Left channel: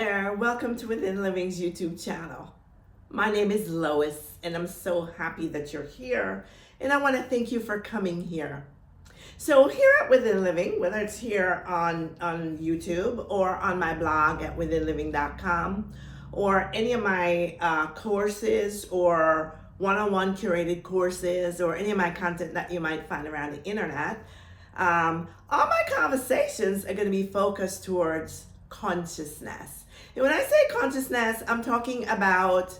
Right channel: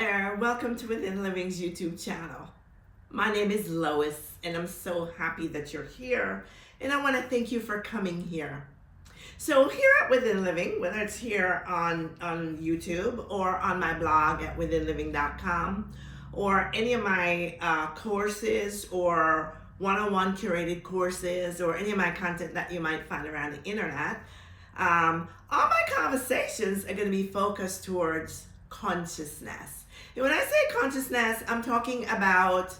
there, welcome to Within Living's YouTube channel. My name is Lois and I'm so happy that you're here, and I want to thank you for coming here. So here at Within Living, whether it's here on YouTube or on my blog at withinliving.com or any of my courses or one-on-one curated courses or any of my content that you might find around the internet, all my conversations are going to be focused towards consciousness. And when I say consciousness, I'm talking about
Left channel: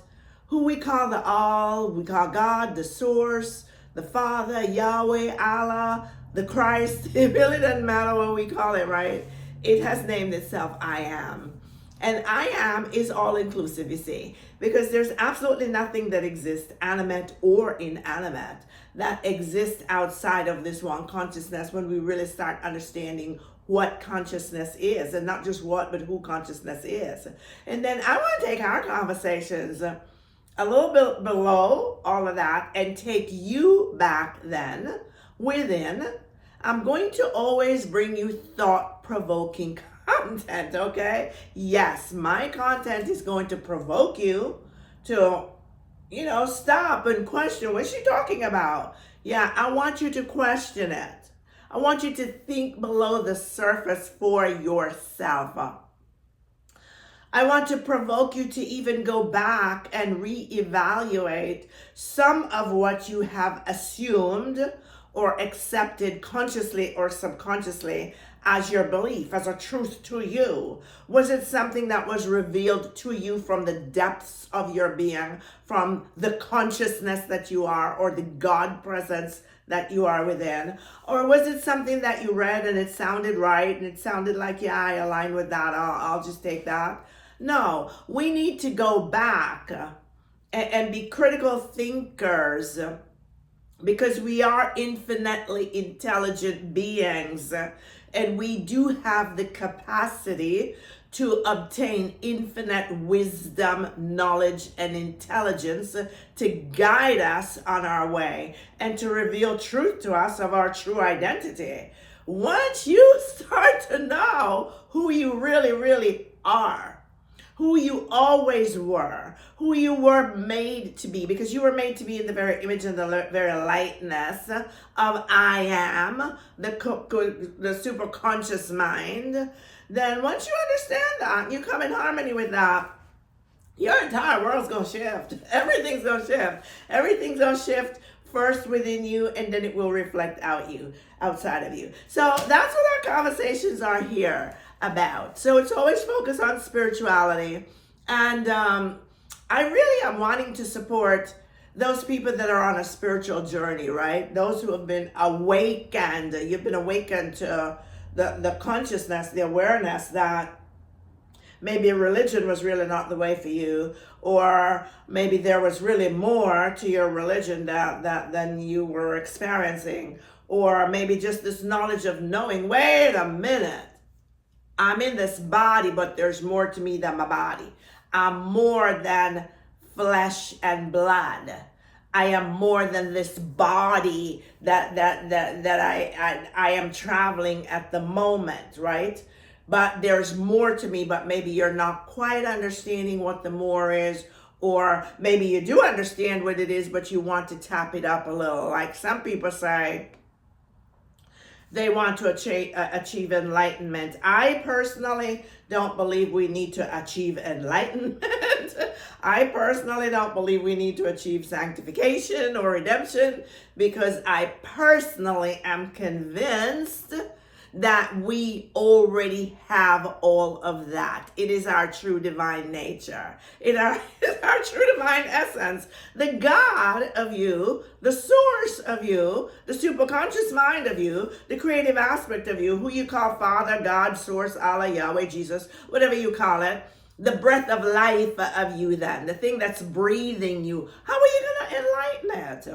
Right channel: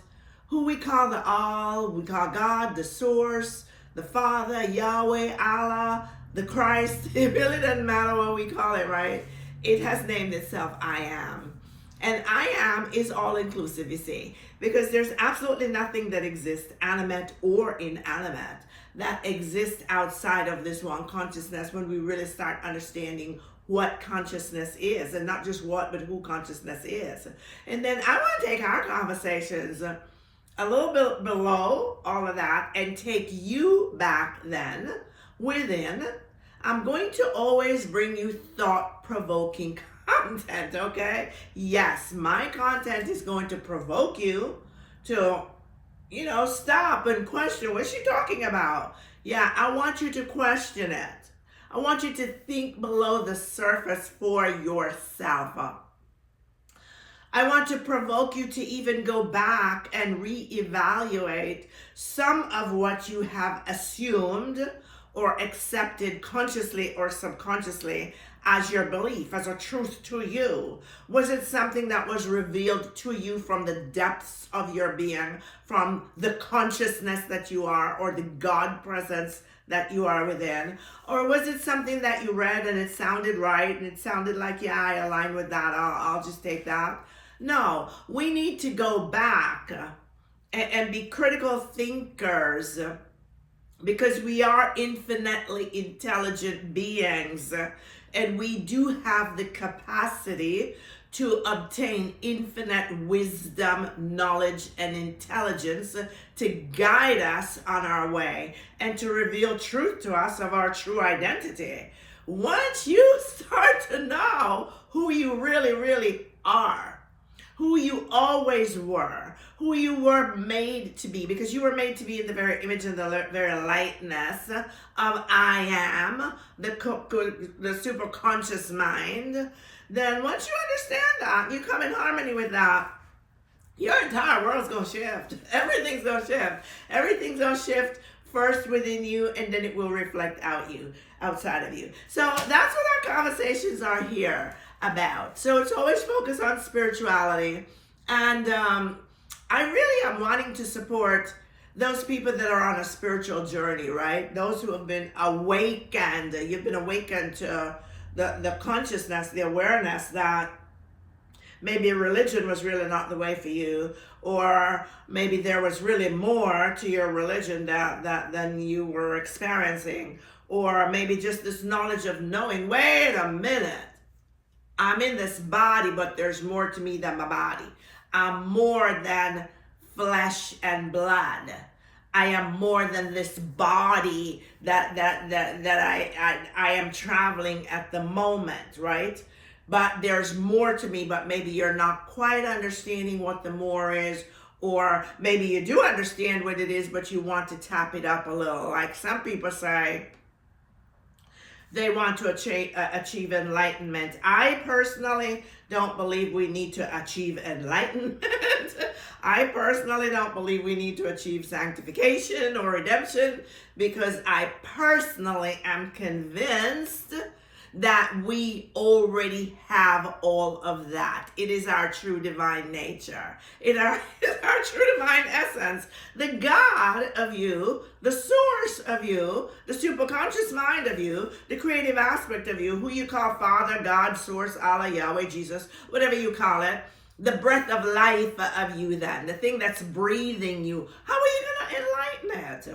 who we call the all, we call God, the source, the Father, Yahweh, Allah, the Christ. It really doesn't matter what we call it, right? It has named itself I am. And I am is all inclusive, you see, because there's absolutely nothing that exists, animate or inanimate, that exists outside of this one consciousness when we really start understanding what consciousness is, and not just what, but who consciousness is. And then I want to take our conversations a little bit below all of that and take you back then within. I'm going to always bring you thought-provoking content, okay? Yes, my content is going to provoke you to, stop and question, what's she talking about? Yeah, I want you to question it. I want you to think below the surface for yourself. I want to provoke you to even go back and reevaluate some of what you have assumed or accepted consciously or subconsciously as your belief, as a truth to you. Was it something that was revealed to you from the depths of your being, from the consciousness that you are, or the God presence that you are within? Or was it something that you read and it sounded right and it sounded like, yeah, I align with that, I'll just take that? No, we need to go back and be critical thinkers, because we are infinitely intelligent beings, and we do have the capacity to obtain infinite wisdom, knowledge, and intelligence to guide us on our way and to reveal truth to us of our true identity. Once you start to know who you really, really are, who you always were, who you were made to be, because you were made to be in the very image and the very likeness of I am, the super conscious mind, then once you understand that, you come in harmony with that, your entire world's going to shift. Everything's going to shift. Everything's going to shift first within you, and then it will reflect outside of you. So that's what our conversations are here about. So it's always focused on spirituality. And I really am wanting to support those people that are on a spiritual journey, right? Those who have been awakened. You've been awakened to the consciousness, the awareness that maybe religion was really not the way for you, or maybe there was really more to your religion than you were experiencing, or maybe just this knowledge of knowing, wait a minute, I'm in this body, but there's more to me than my body. I'm more than flesh and blood. I am more than this body that I am traveling at the moment, right? But there's more to me, but maybe you're not quite understanding what the more is, or maybe you do understand what it is, but you want to tap it up a little. Like some people say, they want to achieve enlightenment. I personally don't believe we need to achieve enlightenment. I personally don't believe we need to achieve sanctification or redemption, because I personally am convinced that we already have all of that. It is our true divine nature. It's our true divine essence. The God of you, the source of you, the superconscious mind of you, the creative aspect of you, who you call Father, God, Source, Allah, Yahweh, Jesus, whatever you call it, the breath of life of you then, the thing that's breathing you. How are you going to enlighten it?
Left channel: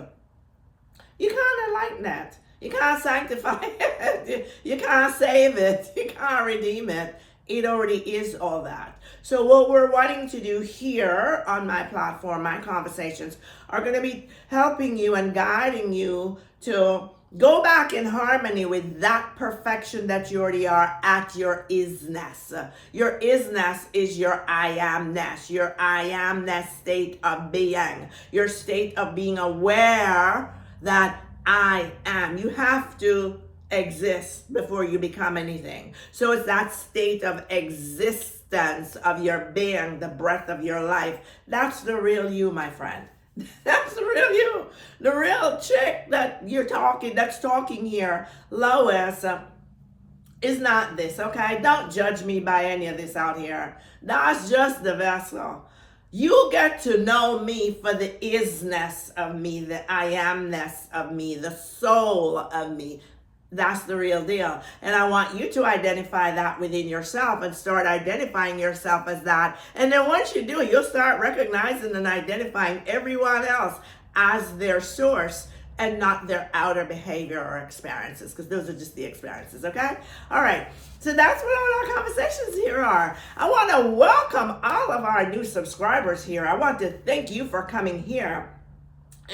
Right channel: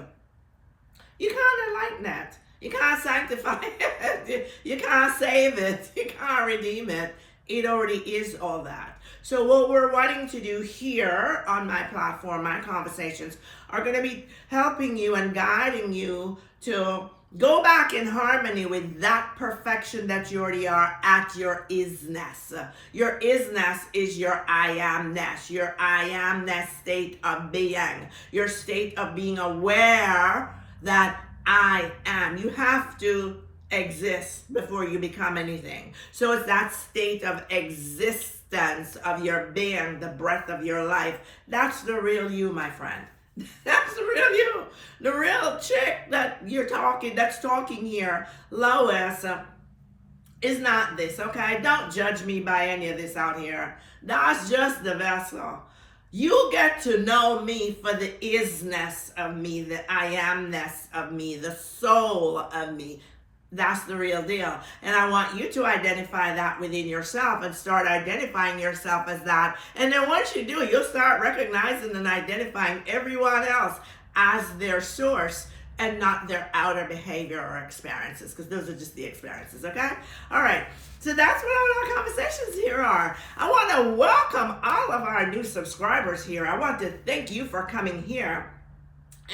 You can't enlighten it. You can't sanctify it. You can't save it. You can't redeem it. It already is all that. So what we're wanting to do here on my platform, my conversations, are going to be helping you and guiding you to Go back in harmony with that perfection that you already are at your isness. Your isness is your I amness, your I amness state of being, your state of being aware that I am. You have to exist before you become anything. So it's that state of existence of your being, the breath of your life. That's the real you, my friend. That's the real you. The real chick that that's talking here, Lois, is not this, okay? Don't judge me by any of this out here. That's just the vessel. You get to know me for the isness of me, the I amness of me, the soul of me. That's the real deal. And I want you to identify that within yourself and start identifying yourself as that. And then once you do, you'll start recognizing and identifying everyone else as their source and not their outer behavior or experiences, because those are just the experiences, okay? All right. So that's what our conversations here are. I want to welcome all of our new subscribers here. I want to thank you for coming here.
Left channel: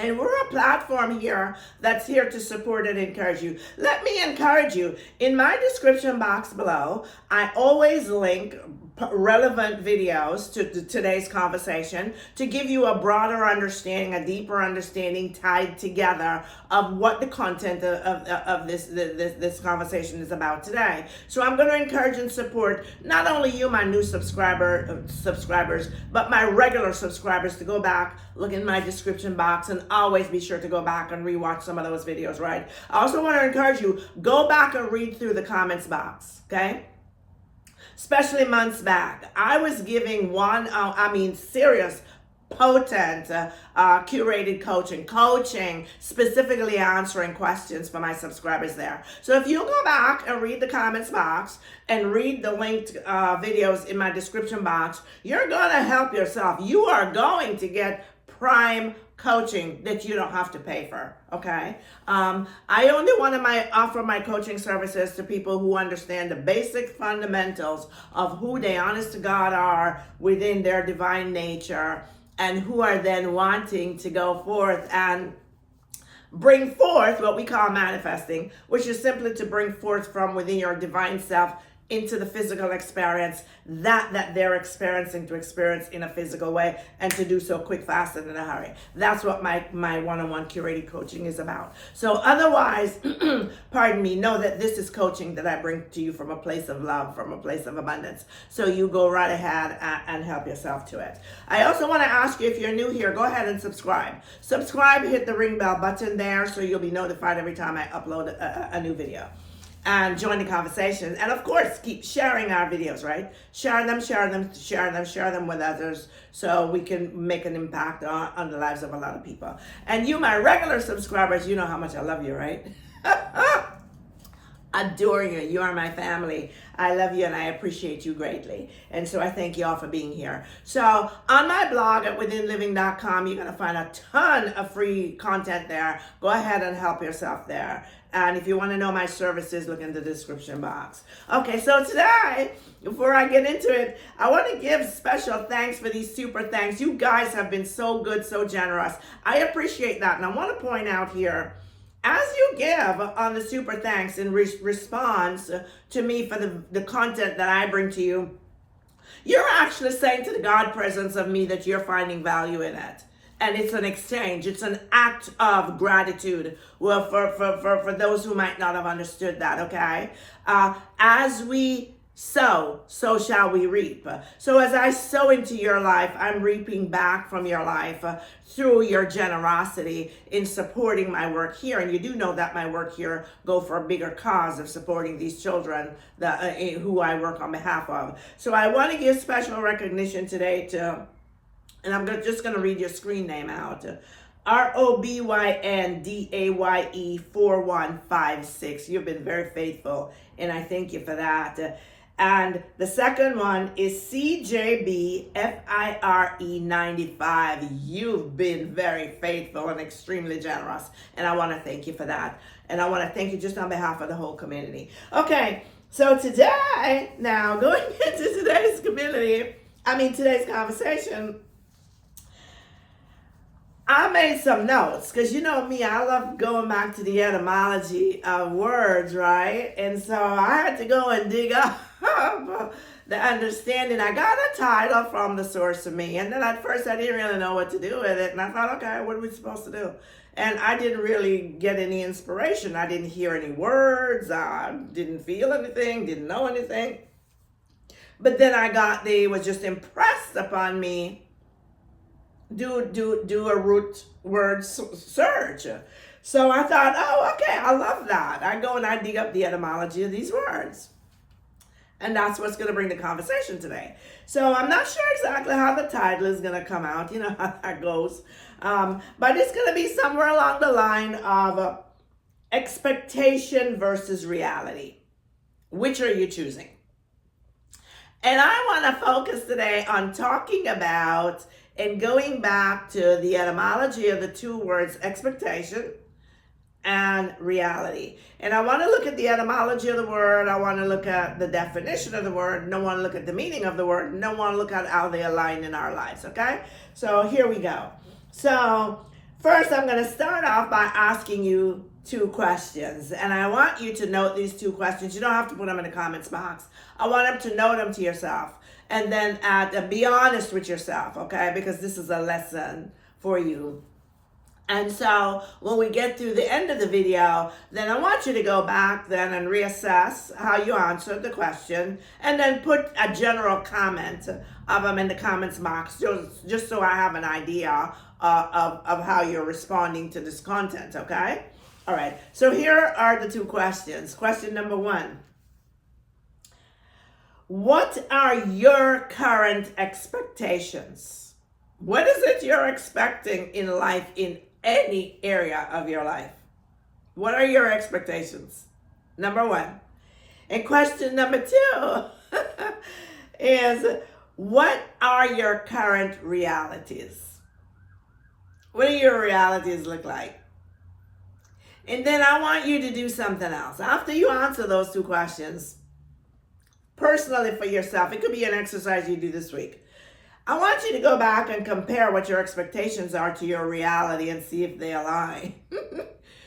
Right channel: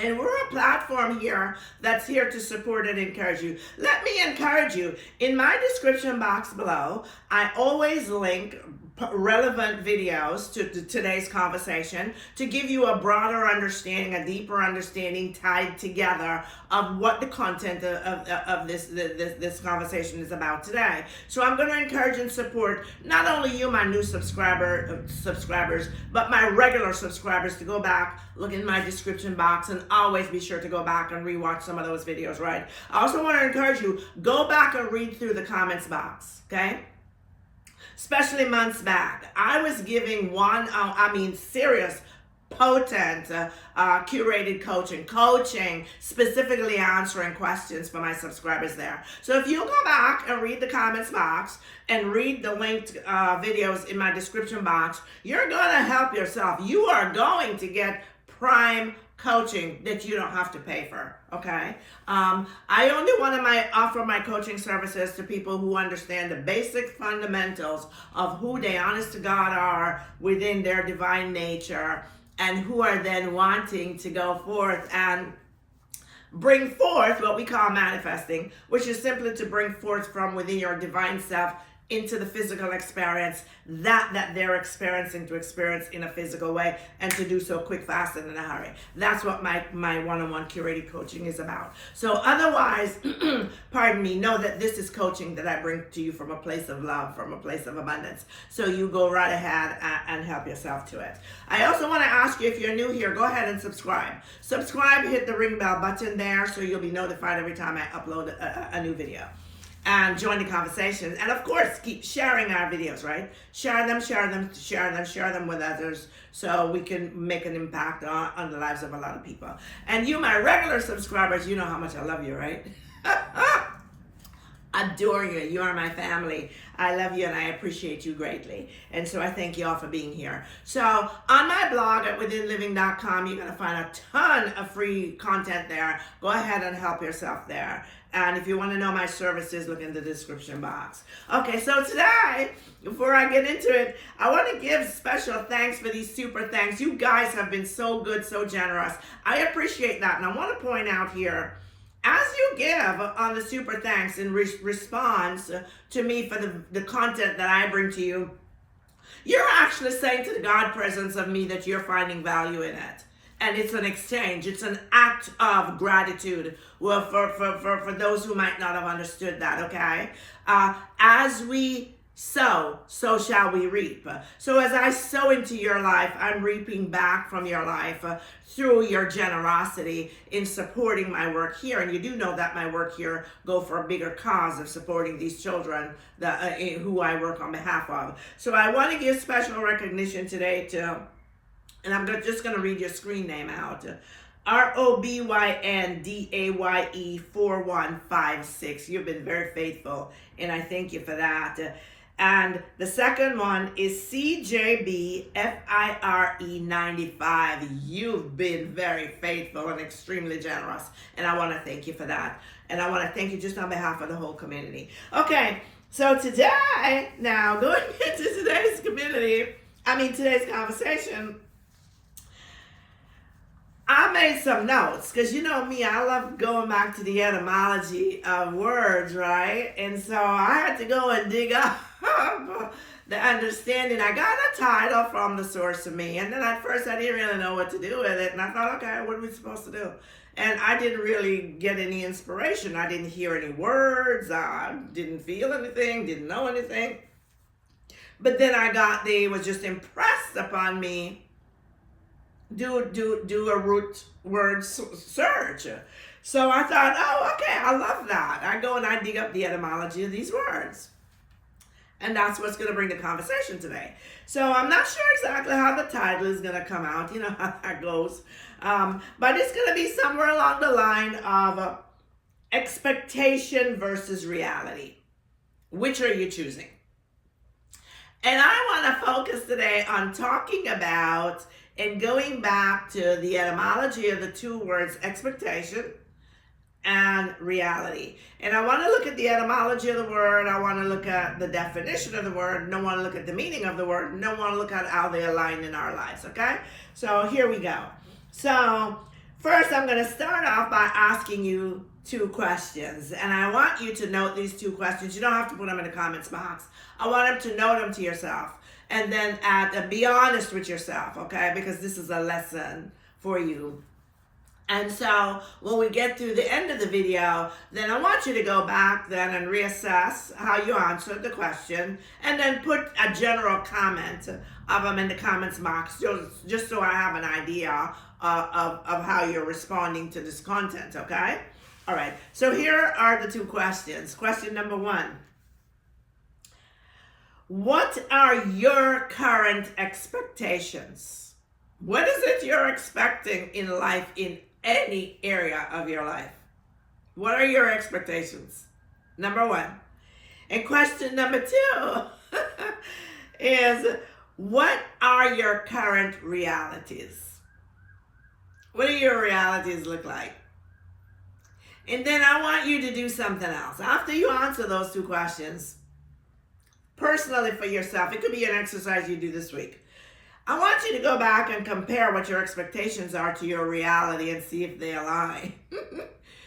And we're a platform here that's here to support and encourage you. Let me encourage you. In my description box below, I always link relevant videos to today's conversation to give you a broader understanding, a deeper understanding tied together of what the content of this conversation is about today. So I'm going to encourage and support not only you, my new subscribers, but my regular subscribers to go back, look in my description box, and always be sure to go back and rewatch some of those videos, right? I also want to encourage you, go back and read through the comments box, okay? Especially months back, I was giving serious, potent, curated coaching, specifically answering questions for my subscribers there. So if you go back and read the comments box and read the linked videos in my description box, you're going to help yourself. You are going to get prime coaching that you don't have to pay for, okay? I only want to offer my coaching services to people who understand the basic fundamentals of who they honest to God are within their divine nature, and who are then wanting to go forth and bring forth what we call manifesting, which is simply to bring forth from within your divine self into the physical experience that they're experiencing to experience in a physical way, and to do so quick, fast, and in a hurry. That's what my one-on-one curated coaching is about. So otherwise, pardon me, know that this is coaching that I bring to you from a place of love, from a place of abundance. So you go right ahead and help yourself to it. I also want to ask you, if you're new here, go ahead and subscribe. Subscribe, hit the ring bell button there so you'll be notified every time I upload a new video. And join the conversation. And of course, keep sharing our videos, right? Share them with others so we can make an impact on the lives of a lot of people. And you, my regular subscribers, you know how much I love you, right? Adore you. You are my family. I love you and I appreciate you greatly. And so I thank you all for being here. So on my blog at withinliving.com, you're going to find a ton of free content there. Go ahead and help yourself there. And if you want to know my services, look in the description box. Okay, so today, before I get into it, I want to give special thanks for these super thanks. You guys have been so good, so generous. I appreciate that. And I want to point out here, as you give on the super thanks in response to me for the content that I bring to you, you're actually saying to the God presence of me that you're finding value in it. And it's an exchange. It's an act of gratitude. Well, for those who might not have understood that, okay? As we sow, so shall we reap. So as I sow into your life, I'm reaping back from your life through your generosity in supporting my work here. And you do know that my work here go for a bigger cause of supporting these children who I work on behalf of. So I want to give special recognition today to, and I'm just going to read your screen name out. ROBYNDAYE 4156. You've been very faithful, and I thank you for that. And the second one is CJBFIRE 95. You've been very faithful and extremely generous, and I want to thank you for that. And I want to thank you just on behalf of the whole community. Okay, so today, now going into today's conversation, I made some notes because you know me, I love going back to the etymology of words, right? And so I had to go and dig up the understanding. I got a title from the source of me, and then at first I didn't really know what to do with it. And I thought, okay, what are we supposed to do? And I didn't really get any inspiration. I didn't hear any words. I didn't feel anything, didn't know anything. But then they was just impressed upon me. Do a root word search. So I thought, oh, okay, I love that. I go and I dig up the etymology of these words. And that's what's going to bring the conversation today. So I'm not sure exactly how the title is going to come out. You know how that goes. But it's going to be somewhere along the line of expectation versus reality. Which are you choosing? And I want to focus today on talking about and going back to the etymology of the two words expectation and reality. And I want to look at the etymology of the word. I want to look at the definition of the word. And I want to look at the meaning of the word. And I want to look at how they align in our lives, okay? So here we go. So first, I'm going to start off by asking you two questions. And I want you to note these two questions. You don't have to put them in the comments box. I want them to note them to yourself. And then be honest with yourself, okay? Because this is a lesson for you. And so when we get through the end of the video, then I want you to go back then and reassess how you answered the question, and then put a general comment of them in the comments box, just so I have an idea of how you're responding to this content, okay? All right, so here are the two questions. Question number one. What are your current expectations? What is it you're expecting in life, in any area of your life? What are your expectations? Number one. And question number two is, what are your current realities? What do your realities look like? And then I want you to do something else. After you answer those two questions, personally for yourself, it could be an exercise you do this week. I want you to go back and compare what your expectations are to your reality and see if they align.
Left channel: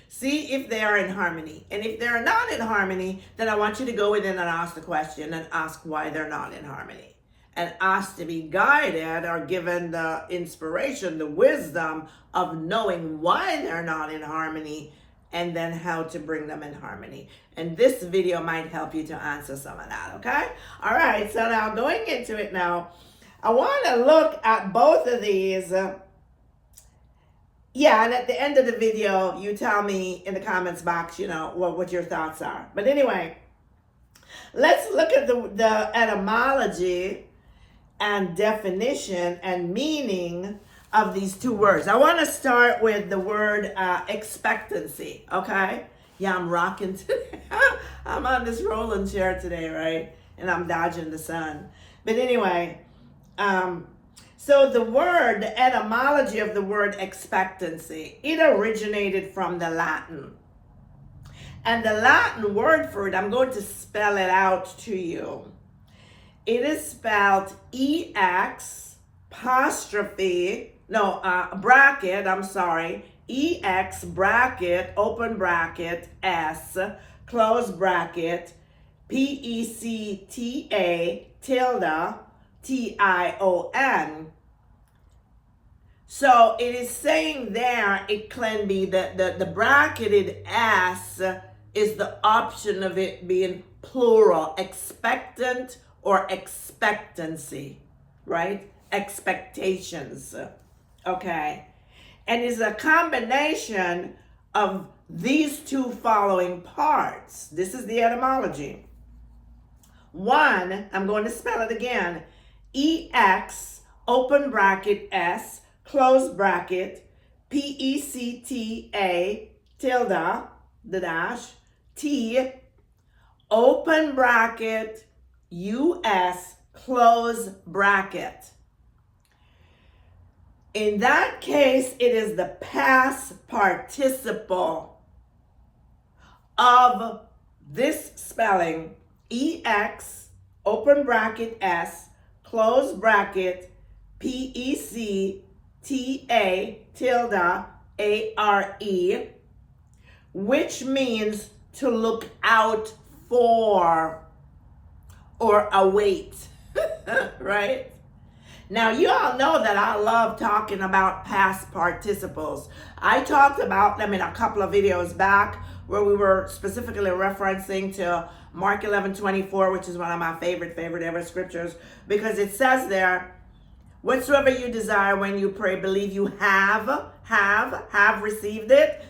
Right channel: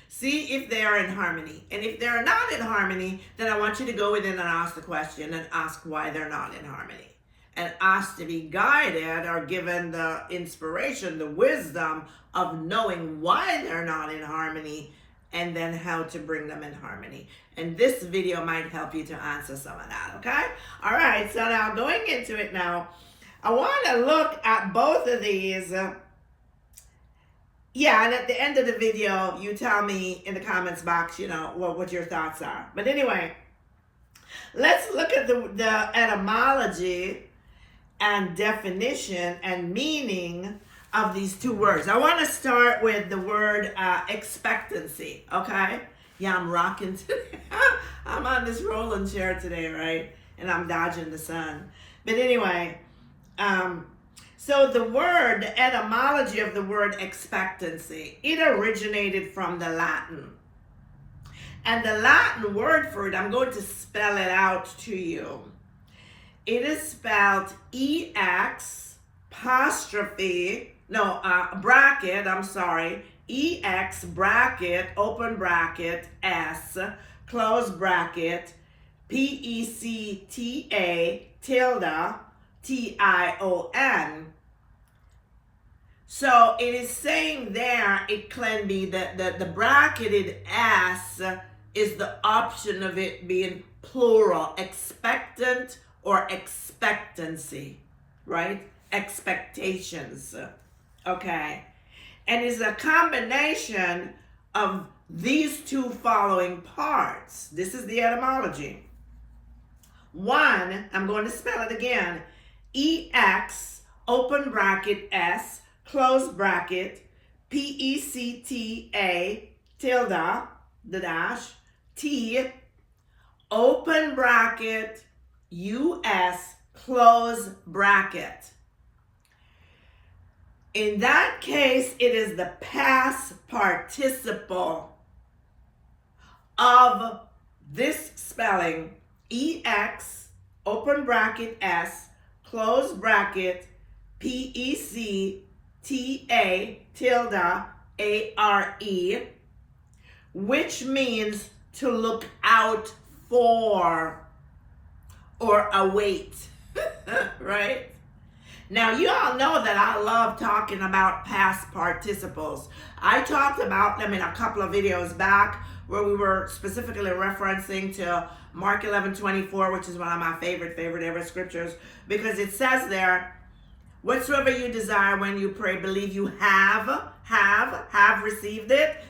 See if they are in harmony. And if they're not in harmony, then I want you to go within and ask the question and ask why they're not in harmony. And ask to be guided or given the inspiration, the wisdom of knowing why they're not in harmony, and then how to bring them in harmony. And this video might help you to answer some of that, okay? All right, so now going into it now, I want to look at both of these. And at the end of the video, you tell me in the comments box, you know, what your thoughts are. But anyway, let's look at the etymology and definition and meaning of these two words. I want to start with the word expectancy, okay? Yeah, I'm rocking today. I'm on this rolling chair today, right? And I'm dodging the sun. But anyway, so the etymology of the word expectancy, it originated from the Latin. And the Latin word for it, I'm going to spell it out to you. It is spelled EX bracket, open bracket, S, close bracket, PECTA, tilde, TION. So it is saying there, it can be that the bracketed S is the option of it being plural, expectant or expectancy, right? Expectations, okay? And it's a combination of these two following parts. This is the etymology. One, I'm going to spell it again, EX, open bracket, S, close bracket, PECTA, tilde, the dash, T, open bracket, US, close bracket. In that case, it is the past participle of this spelling, EX, open bracket, S, close bracket, PEC, T-A-tilde-A-R-E, which means to look out for or await, right? Now, you all know that I love talking about past participles. I talked about them in a couple of videos back where we were specifically referencing to Mark 11:24, which is one of my favorite ever scriptures, because it says there, whatsoever you desire when you pray, believe you have received it,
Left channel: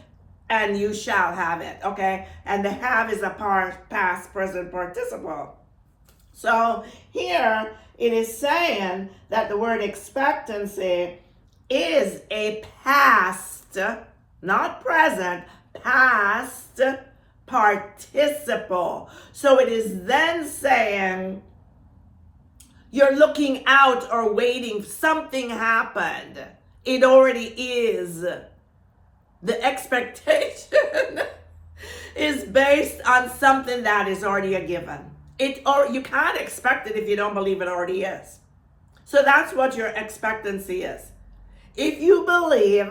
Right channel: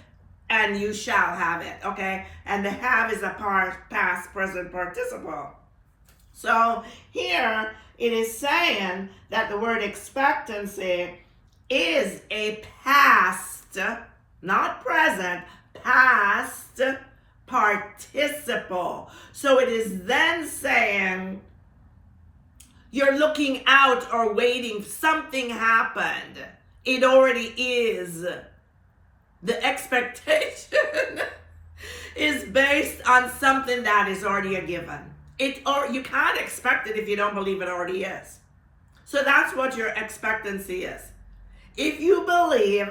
and you shall have it, okay? And the have is a past present participle. So here it is saying that the word expectancy is a past, not present, past participle. So it is then saying you're looking out or waiting. Something happened. It already is. The expectation is based on something that is already a given. You can't expect it if you don't believe it already is. So that's what your expectancy is. If you believe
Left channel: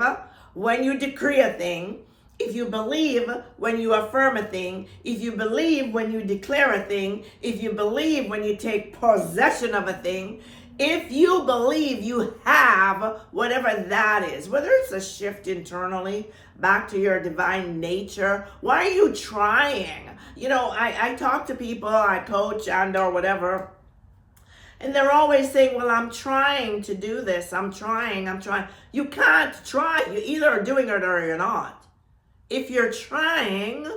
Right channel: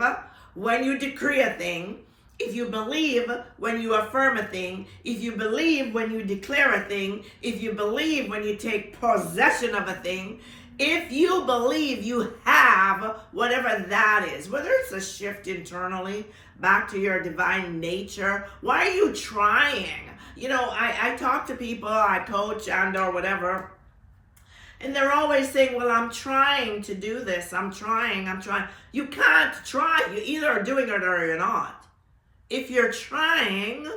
when you decree a thing, if you believe when you affirm a thing, if you believe when you declare a thing, if you believe when you take possession of a thing, if you believe you have whatever that is, whether it's a shift internally back to your divine nature, why are you trying? You know, I talk to people, I coach and or whatever, and they're always saying, well, I'm trying to do this. I'm trying. You can't try. You either are doing it or you're not. If you're trying,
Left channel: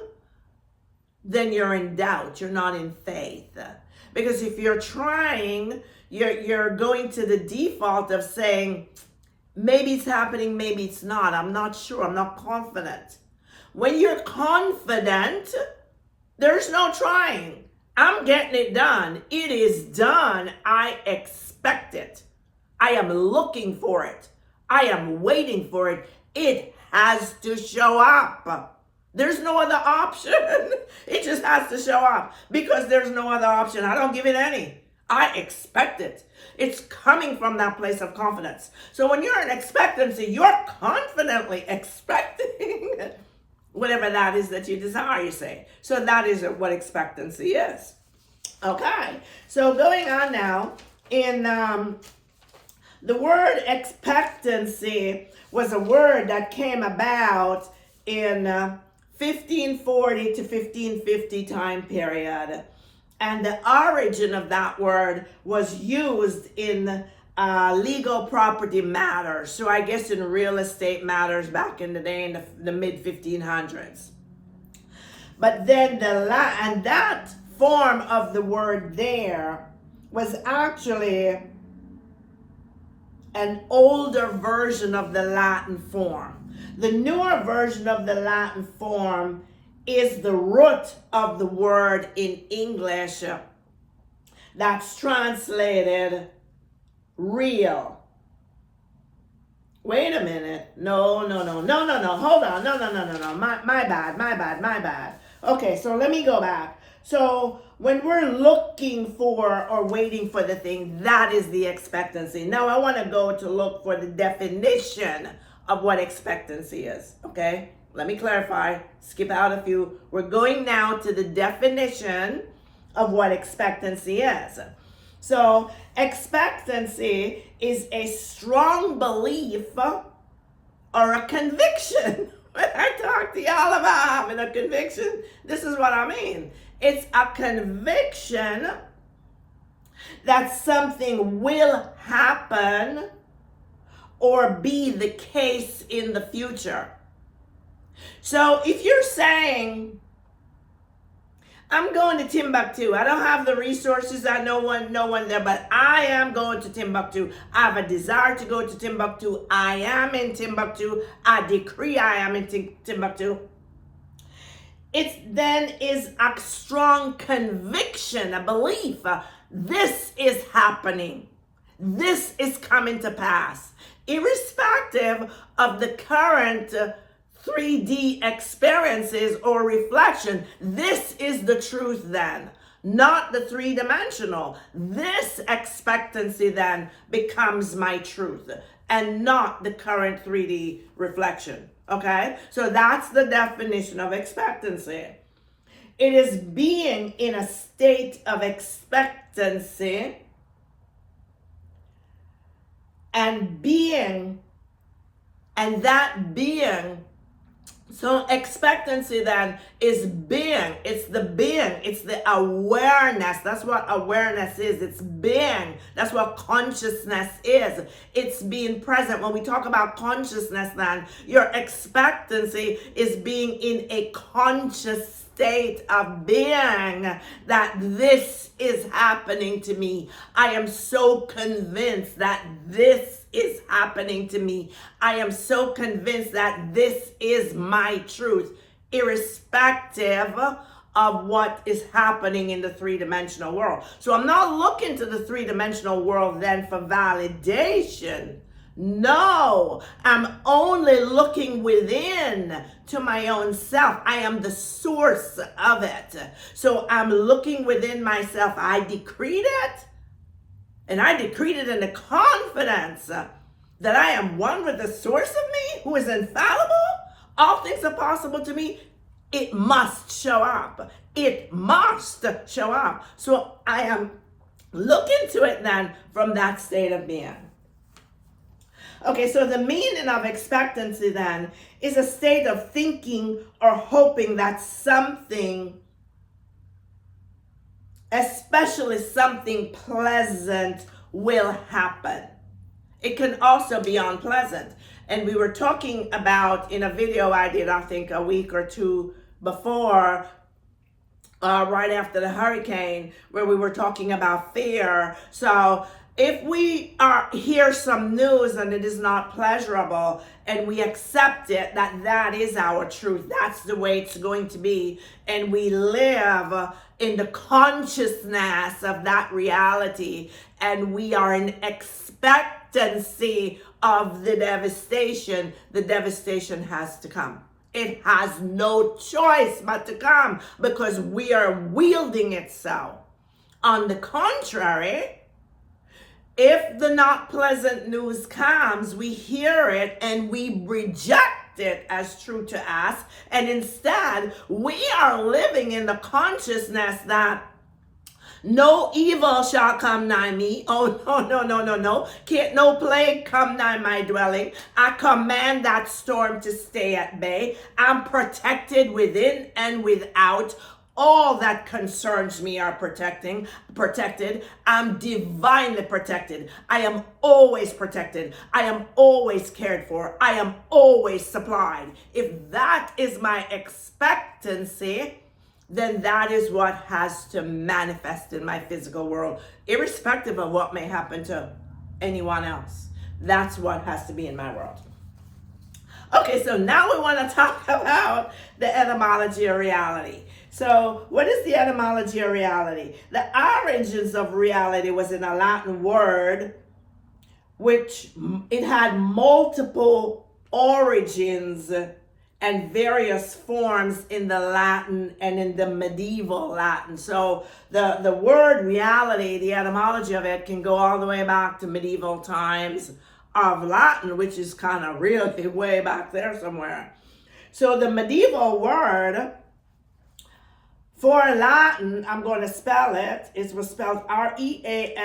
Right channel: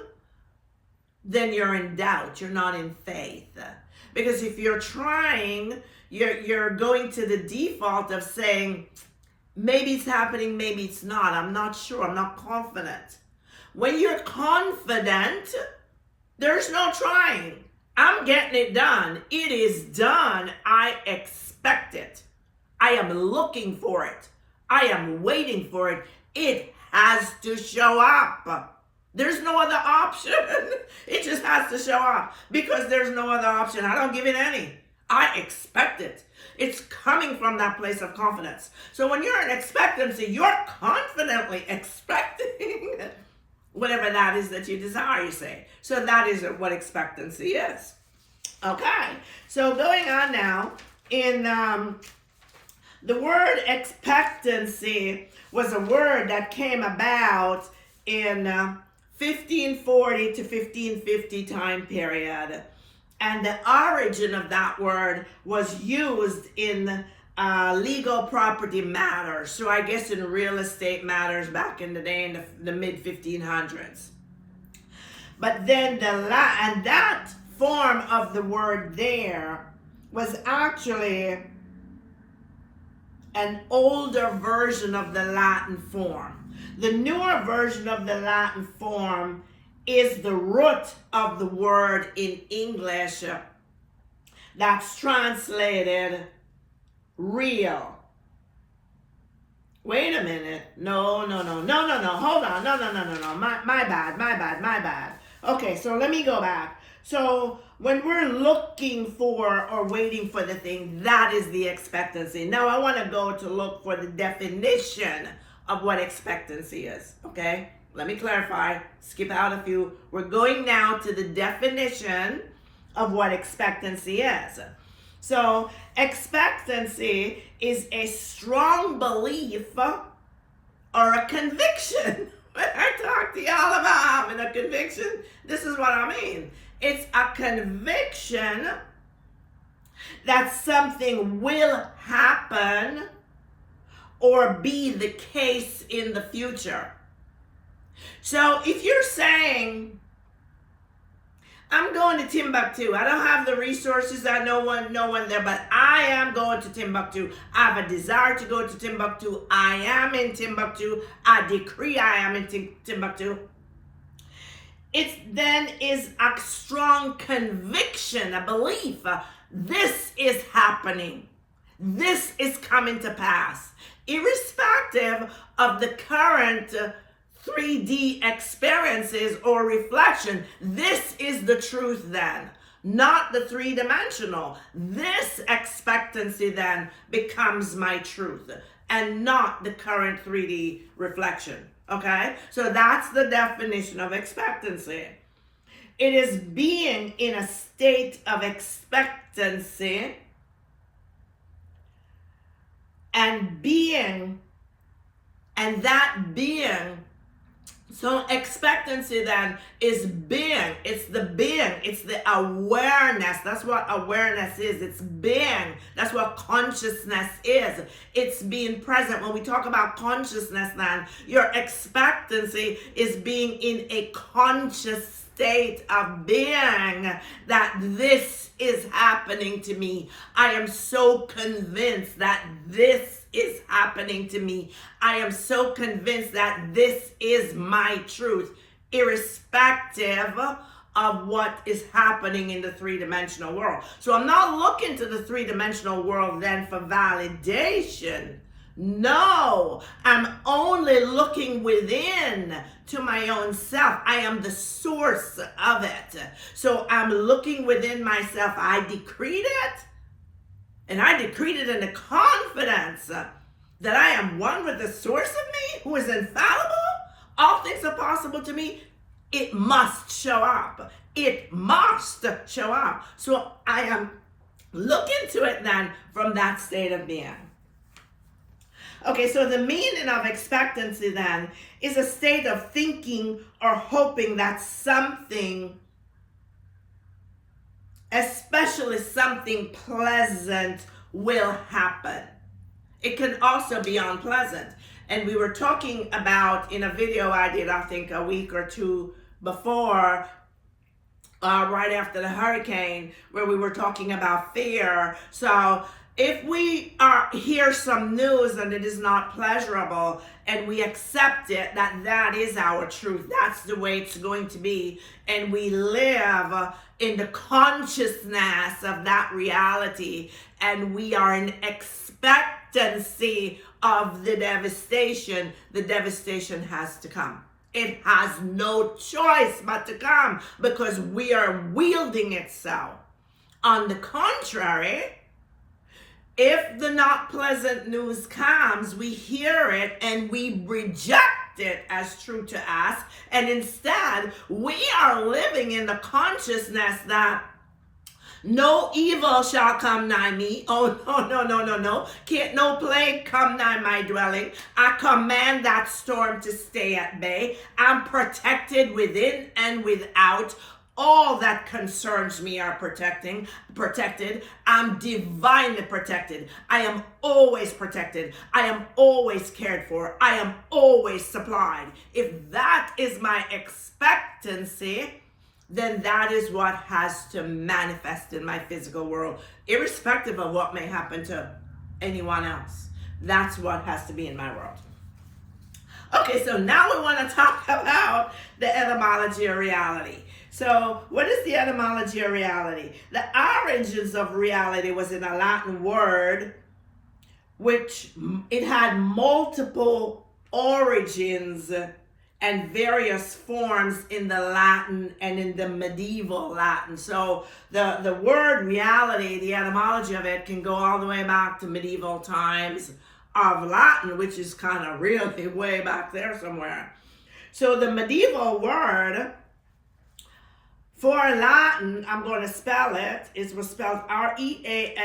then you're in doubt. You're not in faith. Because if you're trying, you're going to the default of saying, maybe it's happening, maybe it's not. I'm not sure. I'm not confident. When you're confident, there's no trying. I'm getting it done. It is done. I expect it. I am looking for it. I am waiting for it. It has to show up. There's no other option. It just has to show up because there's no other option. I don't give it any. I expect it. It's coming from that place of confidence. So when you're in expectancy, you're confidently expecting whatever that is that you desire, you say. So that is what expectancy is. Okay, so going on now, in the word expectancy was a word that came about in 1540 to 1550 time period. And the origin of that word was used in legal property matters. So I guess in real estate matters back in the day in the mid 1500s. But then that form of the word there was actually an older version of the Latin form. The newer version of the Latin form is the root of the word in English that's translated real. Wait a minute. No. Hold on. No. My bad. Okay, so let me go back. So when we're looking for or waiting for the thing, that is the expectancy. Now I want to go to look for the definition of what expectancy is. Okay, let me clarify. Skip out a few. We're going now to the definition of what expectancy is. So expectancy is a strong belief or a conviction. When I talk to y'all about having a conviction, this is what I mean. It's a conviction that something will happen or be the case in the future. So if you're saying, I'm going to Timbuktu. I don't have the resources. I know one there, but I am going to Timbuktu. I have a desire to go to Timbuktu. I am in Timbuktu. I decree I am in Timbuktu. It then is a strong conviction, a belief. This is happening. This is coming to pass. Irrespective of the current 3D experiences or reflection, this is the truth then, not the three-dimensional. This expectancy expectancy then becomes my truth and not the current 3D reflection. Okay? So that's the definition of expectancy. It is being in a state of expectancy and being, and that being. So expectancy then is being. It's the being. It's the awareness. That's what awareness is. It's being. That's what consciousness is. It's being present. When we talk about consciousness then, your expectancy is being in a conscious state of being that this is happening to me. I am so convinced that this is happening to me. I am so convinced that this is my truth, irrespective of what is happening in the three-dimensional world. So I'm not looking to the three-dimensional world then for validation. No, I'm only looking within to my own self. I am the source of it. So I'm looking within myself. I decreed it. And I decreed it in the confidence that I am one with the source of me, who is infallible. All things are possible to me. It must show up. It must show up. So I am looking to it then from that state of being. Okay, so the meaning of expectancy then is a state of thinking or hoping that something, especially something pleasant, will happen. It can also be unpleasant. And we were talking about in a video I did, I think a week or two before, right after the hurricane, where we were talking about fear. So if we hear some news and it is not pleasurable and we accept it, that is our truth, that's the way it's going to be, and we live in the consciousness of that reality, and we are in expectancy of the devastation has to come. It has no choice but to come because we are wielding it so. On the contrary, if the not pleasant news comes, we hear it and we reject it as true to us. And instead, we are living in the consciousness that no evil shall come nigh me. Oh, no. Can't no plague come nigh my dwelling. I command that storm to stay at bay. I'm protected within and without. All that concerns me are protected. I'm divinely protected. I am always protected. I am always cared for. I am always supplied. If that is my expectancy, then that is what has to manifest in my physical world, irrespective of what may happen to anyone else. That's what has to be in my world. Okay, so now we want to talk about the etymology of reality. So what is the etymology of reality? The origins of reality was in a Latin word, which it had multiple origins and various forms in the Latin and in the medieval Latin. So the word reality, the etymology of it can go all the way back to medieval times of Latin, which is kind of really way back there somewhere. So the medieval word for Latin, I'm going to spell it. It was spelled R-E-A-L-I-T-A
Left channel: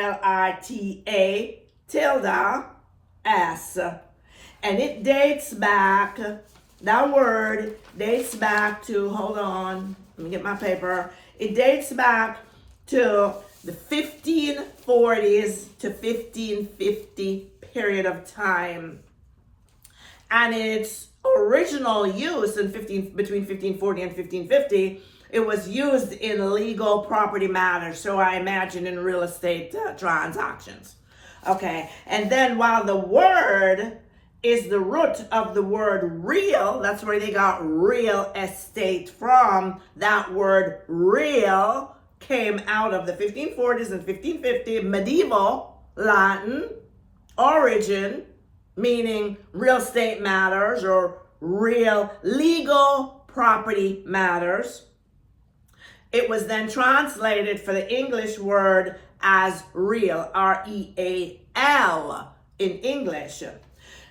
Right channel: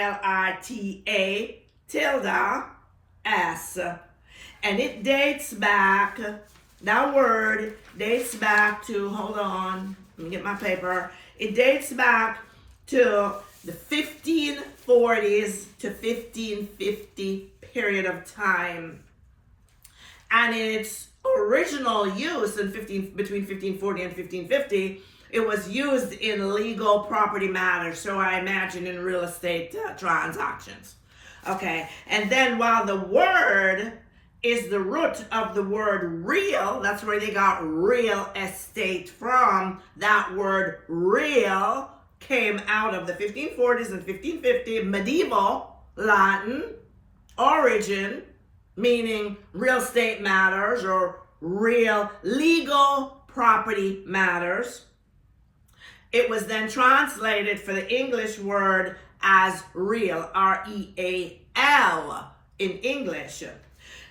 tilde S. And it dates back, that word dates back to, hold on, let me get my paper. It dates back to the 1540s to 1550 period of time. And its original use in between 1540 and 1550, it was used in legal property matters, so I imagine in real estate transactions. Okay, and then while the word is the root of the word real, that's where they got real estate from. That word real came out of the 1540s and 1550 medieval Latin origin, meaning real estate matters or real legal property matters. It was then translated for the English word as real, R-E-A-L in English.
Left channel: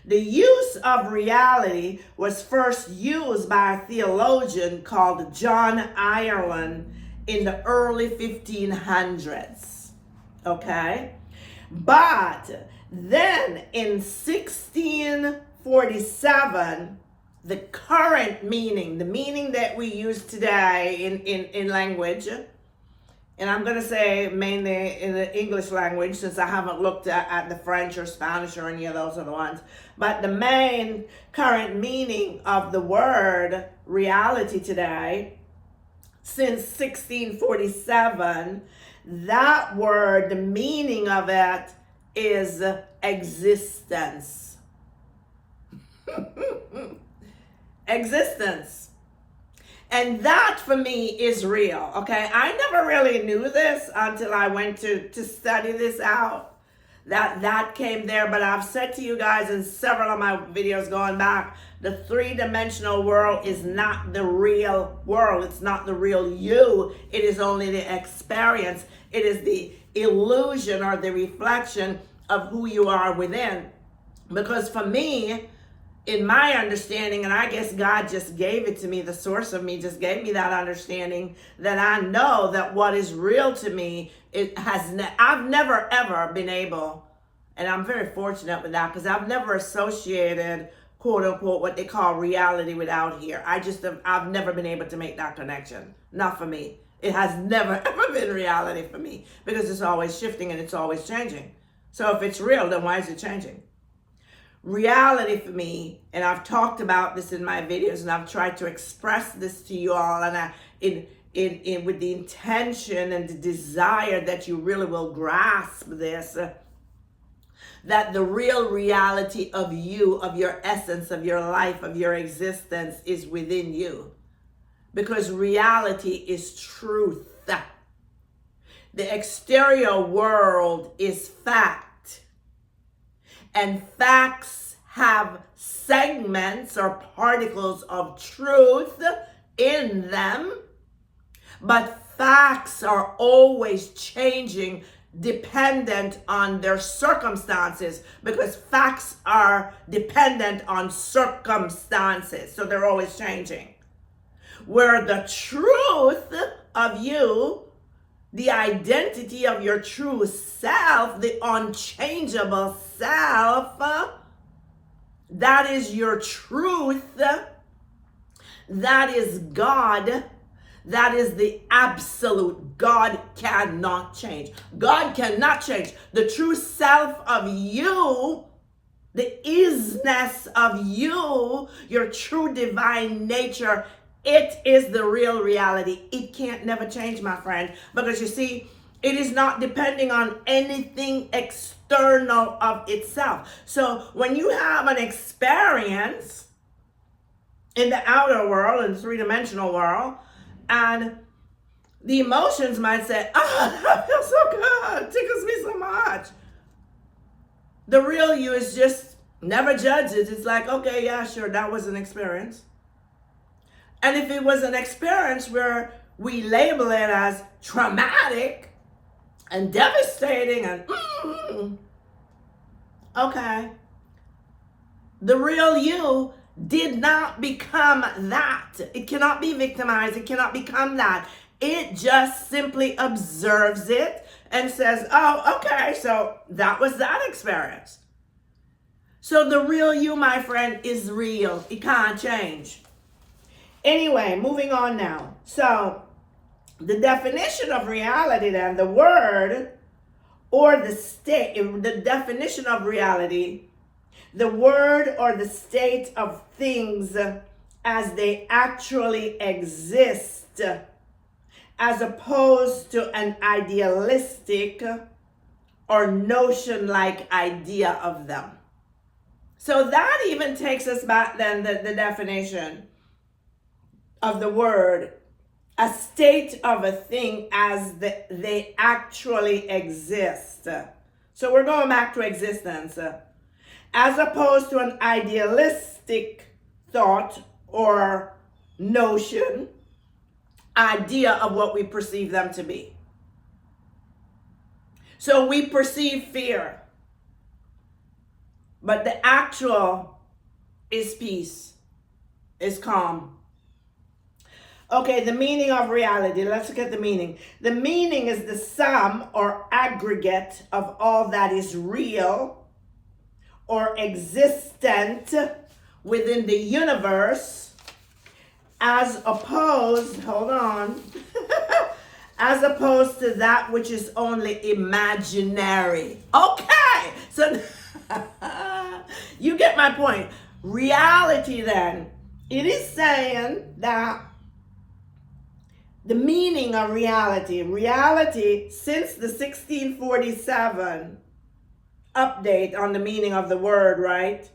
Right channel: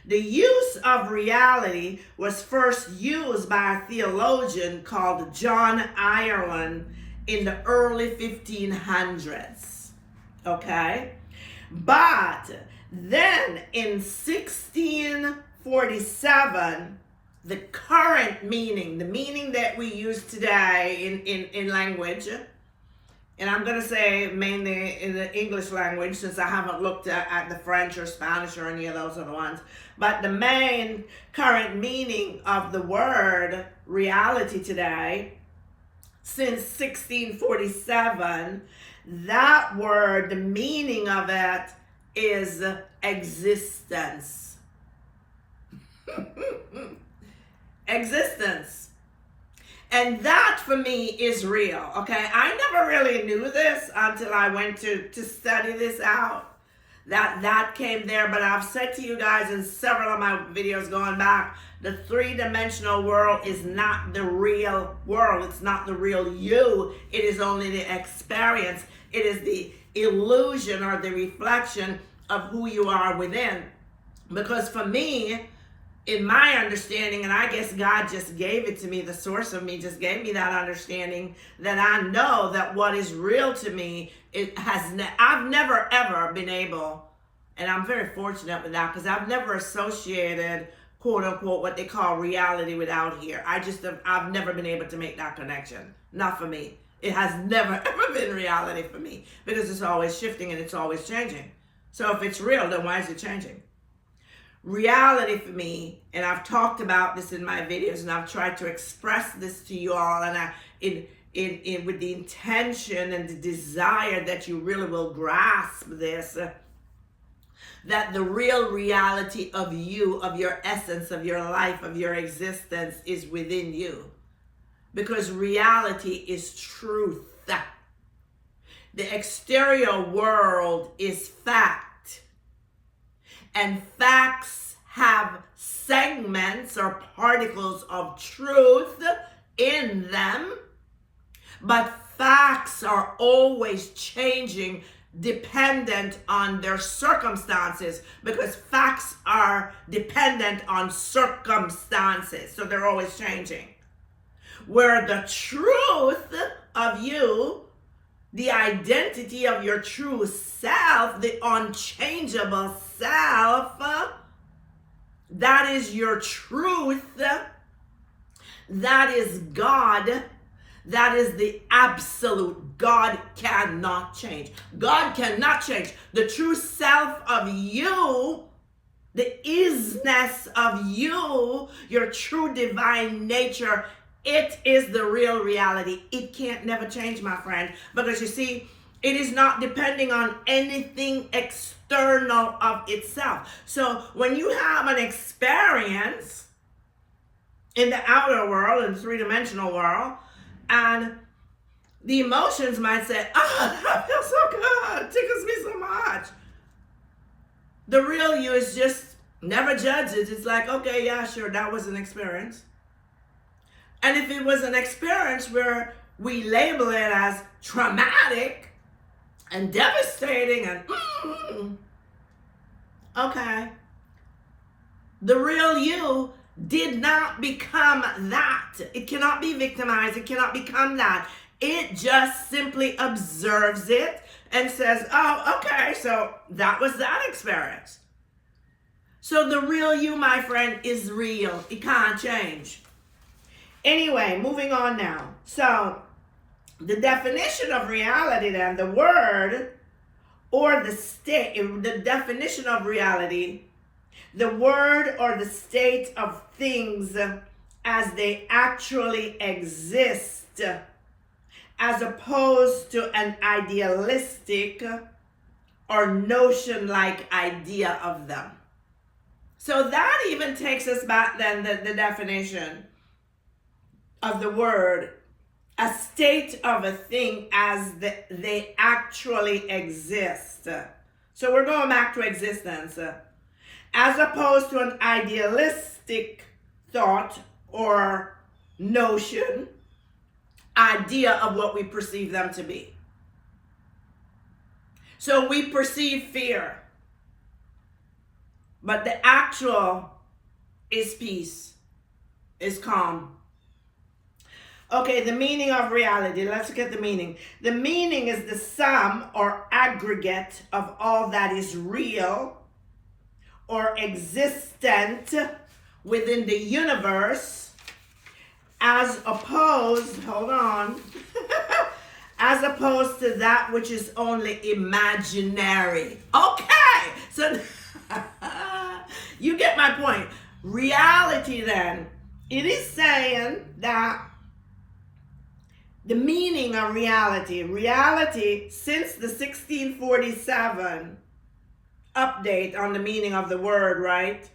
The use of reality was first used by a theologian called John Ireland in the early 1500s, okay? But then in 1647, the current meaning, the meaning that we use today in language, and I'm going to say mainly in the English language since I haven't looked at the French or Spanish or any of those other ones, but the main current meaning of the word reality today, since 1647, that word, the meaning of it is existence. Existence. And that for me is real, okay? I never really knew this until I went to study this out. That came there, but I've said to you guys in several of my videos going back, the three-dimensional world is not the real world. It's not the real you. It is only the experience. It is the illusion or the reflection of who you are within. Because for me, in my understanding, and I guess God just gave it to me, the source of me just gave me that understanding, that I know that what is real to me, I've never ever been able, and I'm very fortunate with that, because I've never associated, quote unquote, what they call reality without here. I've never been able to make that connection. Not for me. It has never ever been reality for me, because it's always shifting and it's always changing. So if it's real, then why is it changing? Reality for me, and I've talked about this in my videos, and I've tried to express this to you all, and with the intention and the desire that you really will grasp this, that the real reality of you, of your essence, of your life, of your existence is within you. Because reality is truth. The exterior world is fact. And facts have segments or particles of truth in them, but facts are always changing dependent on their circumstances, because facts are dependent on circumstances, so they're always changing. Where the truth of you, the identity of your true self, the unchangeable self, that is your truth, that is God, that is the absolute. God cannot change. God cannot change. The true self of you, the isness of you, your true divine nature, it is the real reality. It can't never change, my friend, because you see, it is not depending on anything external of itself. So when you have an experience in the outer world, in the three-dimensional world, and the emotions might say, oh, that feels so good, it tickles me so much. The real you is just never judge it. It's like, okay, yeah, sure, that was an experience. And if it was an experience where we label it as traumatic and devastating and okay, the real you did not become that. It cannot be victimized. It cannot become that. It just simply observes it and says, oh, okay, so that was that experience. So the real you, my friend, is real. It can't change. Anyway, moving on now. So the definition of reality then, the word or the state, the definition of reality, the word or the state of things as they actually exist, as opposed to an idealistic or notion-like idea of them. So that even takes us back then, the definition of the word, a state of a thing as they actually exist. So we're going back to existence. As opposed to an idealistic thought or notion, idea of what we perceive them to be. So we perceive fear. But the actual is peace, is calm. Okay, the meaning of reality. Let's look at the meaning. The meaning is the sum or aggregate of all that is real or existent within the universe, as opposed, hold on, as opposed to that which is only imaginary. Okay, so you get my point. Reality then, it is saying that the meaning of reality, since the 1647 update on the meaning of the word, right?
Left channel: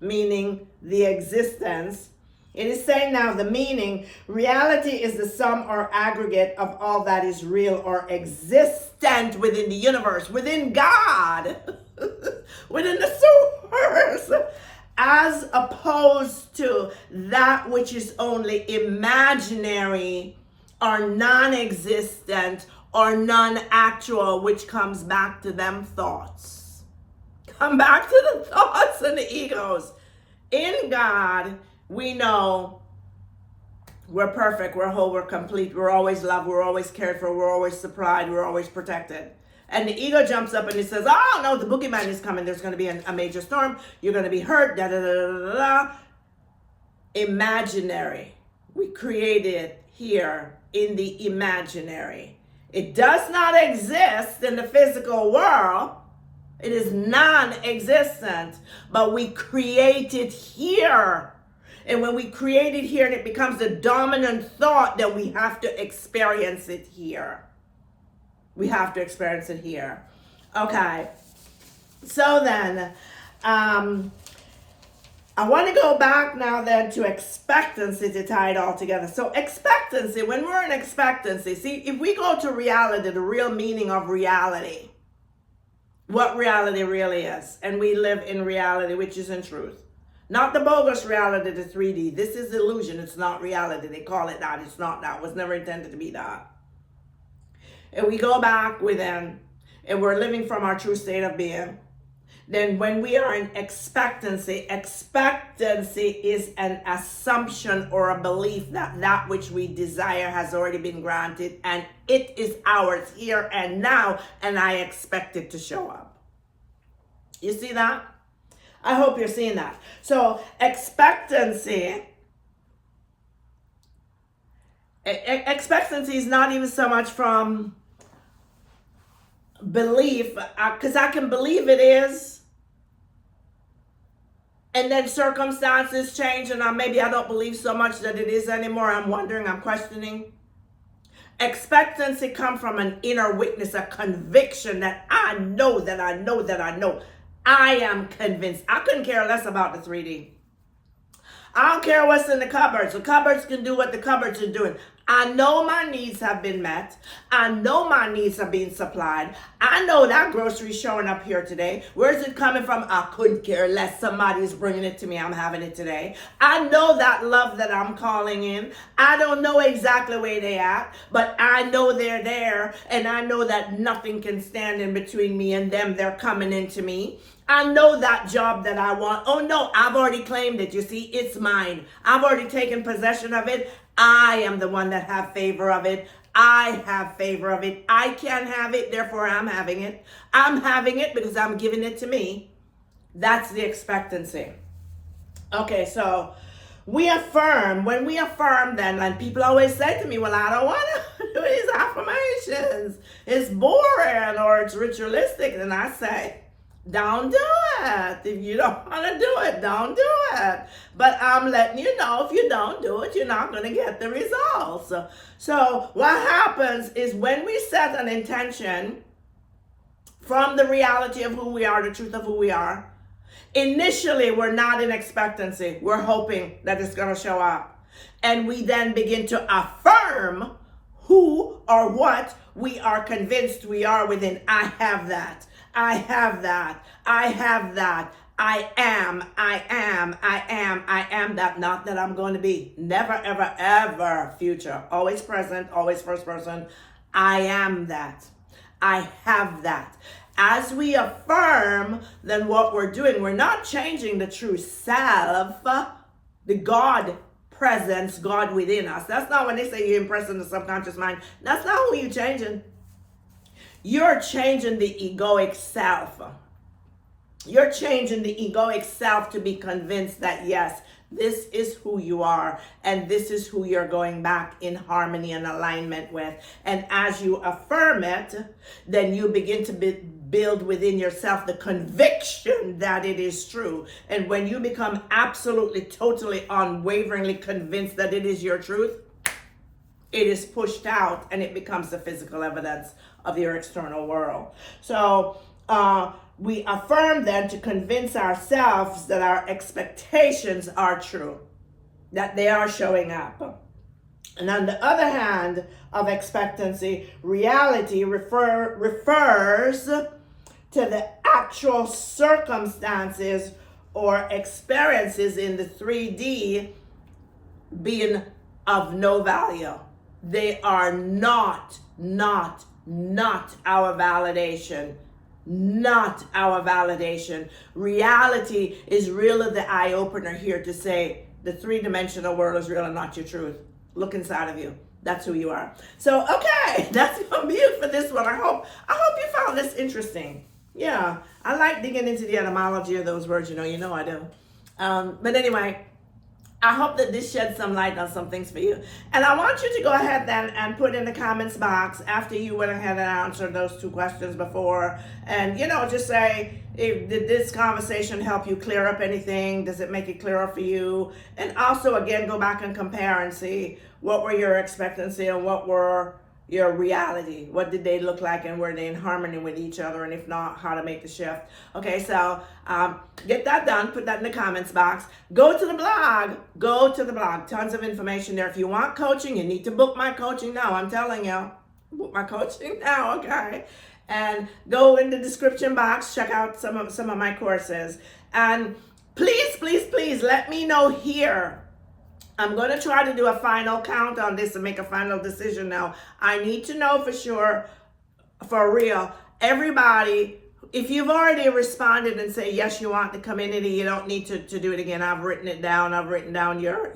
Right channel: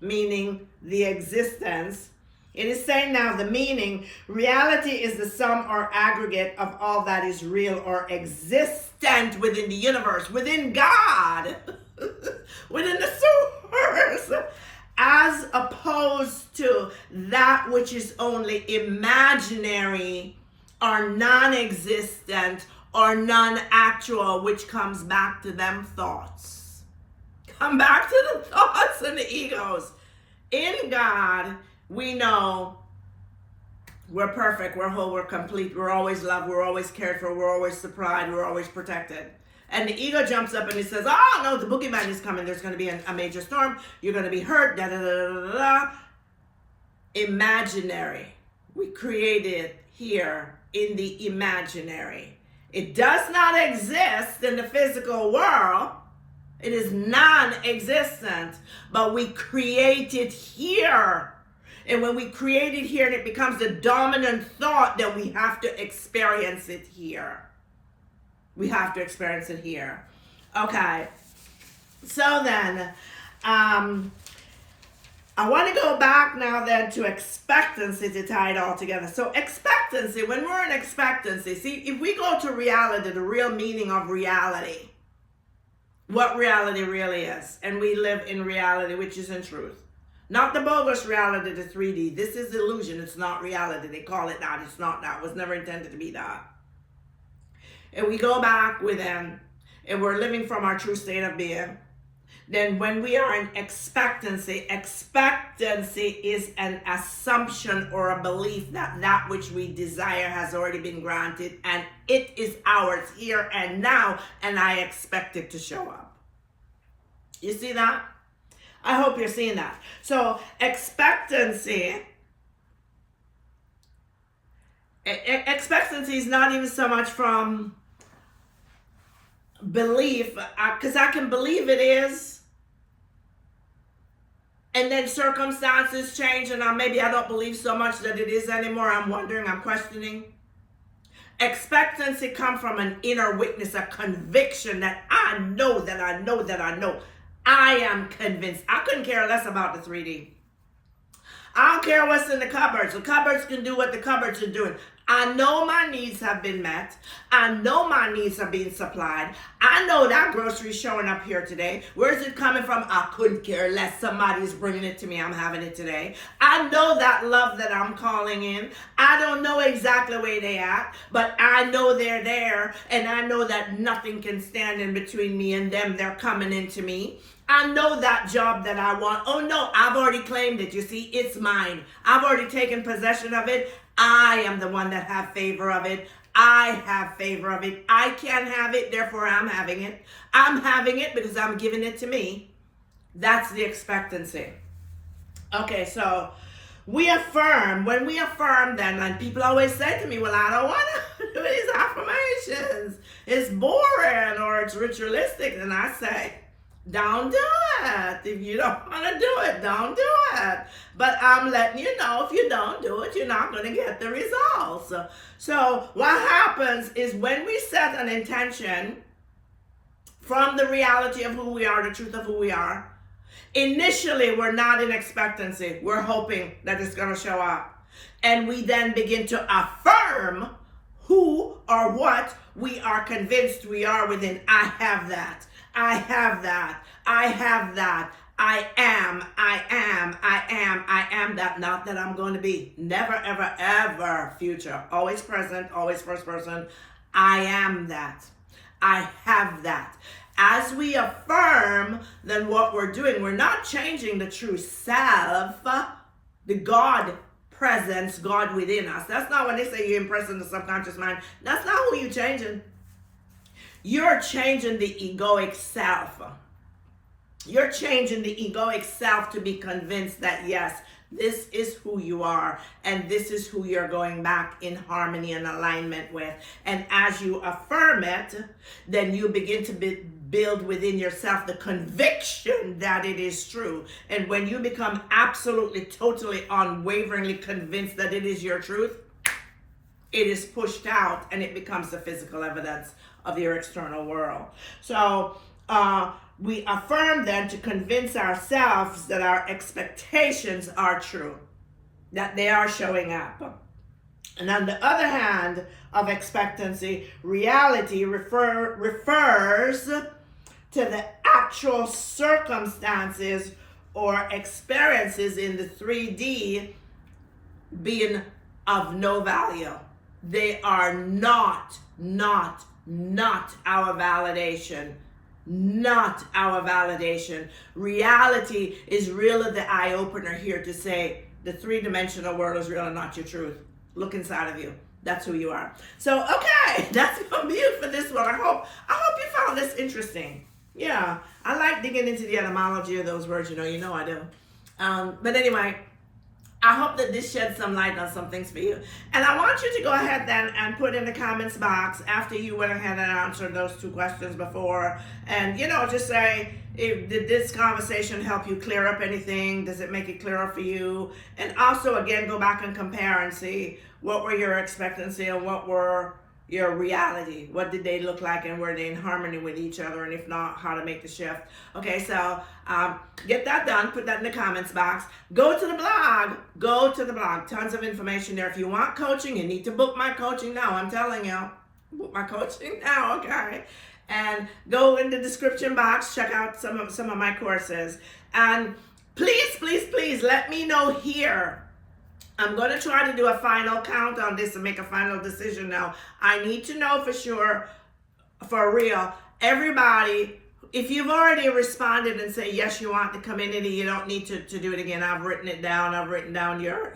Meaning the existence. It is saying now the meaning, reality is the sum or aggregate of all that is real or existent within the universe, within God, within the source, as opposed to that which is only imaginary or non-existent or non-actual, which comes back to them thoughts. Come back to the thoughts and the egos. In God, we know we're perfect, we're whole, we're complete, we're always loved, we're always cared for, we're always supplied, we're always protected. And the ego jumps up and he says, oh no, the boogeyman is coming, there's going to be a major storm, you're going to be hurt, da da da da da. Imaginary. We created here in the imaginary. It does not exist in the physical world. It is non-existent, but we create it here. And when we create it here, and it becomes the dominant thought, that we have to experience it here. We have to experience it here. Okay. So then, I want to go back now then to expectancy to tie it all together. So expectancy, when we're in expectancy, see, if we go to reality, the real meaning of reality, what reality really is, and we live in reality, which is in truth. Not the bogus reality, the 3D. This is illusion. It's not reality. They call it that. It's not that. It was never intended to be that. And we go back within, and we're living from our true state of being. Then when we are in expectancy is an assumption or a belief that that which we desire has already been granted and it is ours here and now, and I expect it to show up. You see that? I hope you're seeing that. So expectancy is not even so much from belief, because I can believe it is, and then circumstances change, and maybe I don't believe so much that it is anymore. I'm wondering, I'm questioning. Expectancy comes from an inner witness, a conviction that I know that I know that I know. I am convinced. I couldn't care less about the 3D. I don't care what's in the cupboards. The cupboards can do what the cupboards are doing. I know my needs have been met. I know my needs are being supplied. I know that grocery's showing up here today. Where's it coming from? I couldn't care less. Somebody's bringing it to me. I'm having it today. I know that love that I'm calling in. I don't know exactly where they at, but I know they're there, and I know that nothing can stand in between me and them. They're coming into me. I know that job that I want. Oh no, I've already claimed it. You see, it's mine. I've already taken possession of it. I am the one that have favor of it. I have favor of it. I can have it, therefore I'm having it. I'm having it because I'm giving it to me. That's the expectancy. Okay, so we affirm. When we affirm then, and people always say to me, well, I don't want to do these affirmations. It's boring or it's ritualistic. And I say, don't do it. If you don't want to do it, don't do it. But I'm letting you know, if you don't do it, you're not going to get the results. So what happens is when we set an intention from the reality of who we are, the truth of who we are, initially we're not in expectancy. We're hoping that it's going to show up. And we then begin to affirm who or what we are convinced we are within. I have that. I have that. I have that. I am that. Not that I'm going to be. Never, ever, ever future. Always present, always first person. I am that. I have that. As we affirm, then what we're doing, we're not changing the true self, the God presence, God within us. That's not when they say you're impressing the subconscious mind. That's not who you're changing. You're changing the egoic self. You're changing the egoic self to be convinced that, yes, this is who you are, and this is who you're going back in harmony and alignment with. And as you affirm it, then you begin to build within yourself the conviction that it is true. And when you become absolutely, totally, unwaveringly convinced that it is your truth, it is pushed out and it becomes the physical evidence of your external world. So, we affirm then to convince ourselves that our expectations are true, that they are showing up. And on the other hand of expectancy, reality refers to the actual circumstances or experiences in the 3D being of no value. They are not our validation. Not our validation. Reality is really the eye-opener here to say the three-dimensional world is really not your truth. Look inside of you. That's who you are. So, okay, that's gonna be it for this one. I hope you found this interesting. Yeah, I like digging into the etymology of those words. You know I do. But anyway, I hope that this sheds some light on some things for you. And I want you to go ahead then and put in the comments box after you went ahead and answered those two questions before. And, just say, did this conversation help you clear up anything? Does it make it clearer for you? And also, again, go back and compare and see what were your expectancy and what were your reality. What did they look like, and were they in harmony with each other? And if not, how to make the shift. Okay, so get that done. Put that in the comments box. Go to the blog. Tons of information there. If you want coaching, you need to book my coaching now. I'm telling you, book my coaching now. Okay, and go in the description box. Check out some of my courses. And please let me know here. I'm going to try to do a final count on this and make a final decision now. I need to know for sure, for real, everybody, if you've already responded and say, yes, you want the community, you don't need to do it again. I've written it down. I've written down your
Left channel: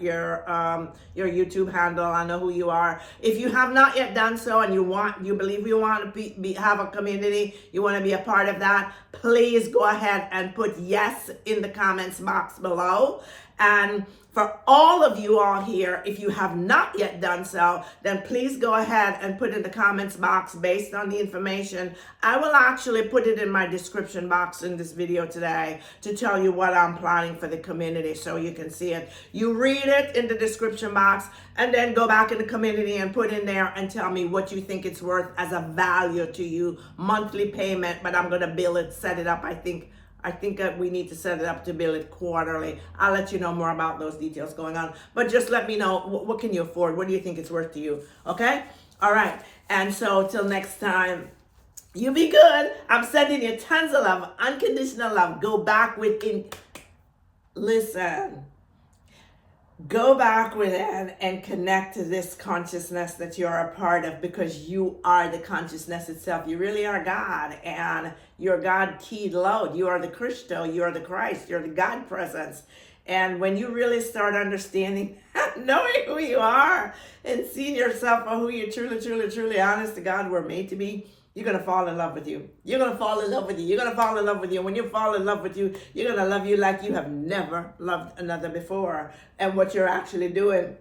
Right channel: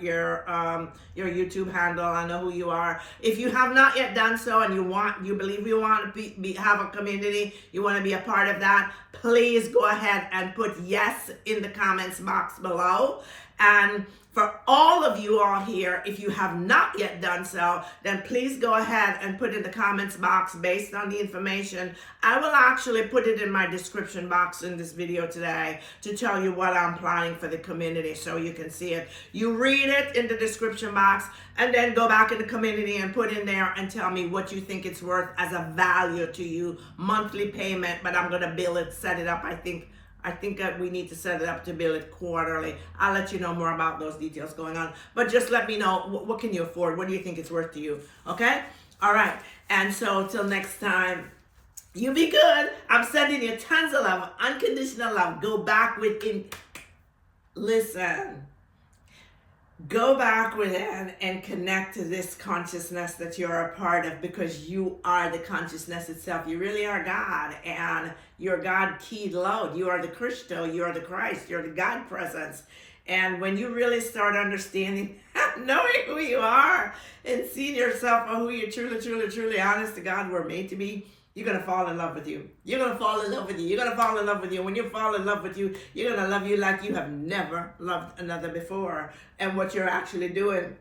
YouTube handle. I know who you are. If you have not yet done so and you believe you want to have a community, you want to be a part of that, please go ahead and put yes in the comments box below. And for all of you all here, if you have not yet done so, then please go ahead and put in the comments box based on the information. I will actually put it in my description box in this video today to tell you what I'm planning for the community so you can see it. You read it in the description box and then go back in the community and put in there and tell me what you think it's worth as a value to you, monthly payment, but I'm going to bill it, set it up. I think that we need to set it up to bill it quarterly. I'll let you know more about those details going on. But just let me know, what can you afford? What do you think it's worth to you? Okay? All right. And so till next time, you be good. I'm sending you tons of love, unconditional love. Go back within. Listen. Go back within and connect to this consciousness that you're a part of, because you are the consciousness itself. You really are God, and you're God keyed load. You are the Christo, you are the Christ, you're the God presence. And when you really start understanding, knowing who you are and seeing yourself for who you truly, honest to God, were made to be, you're going to fall in love with you. You're going to fall in love with you. You're going to fall in love with you. When you fall in love with you, you're going to love you like you have never loved another before. And what you're actually doing,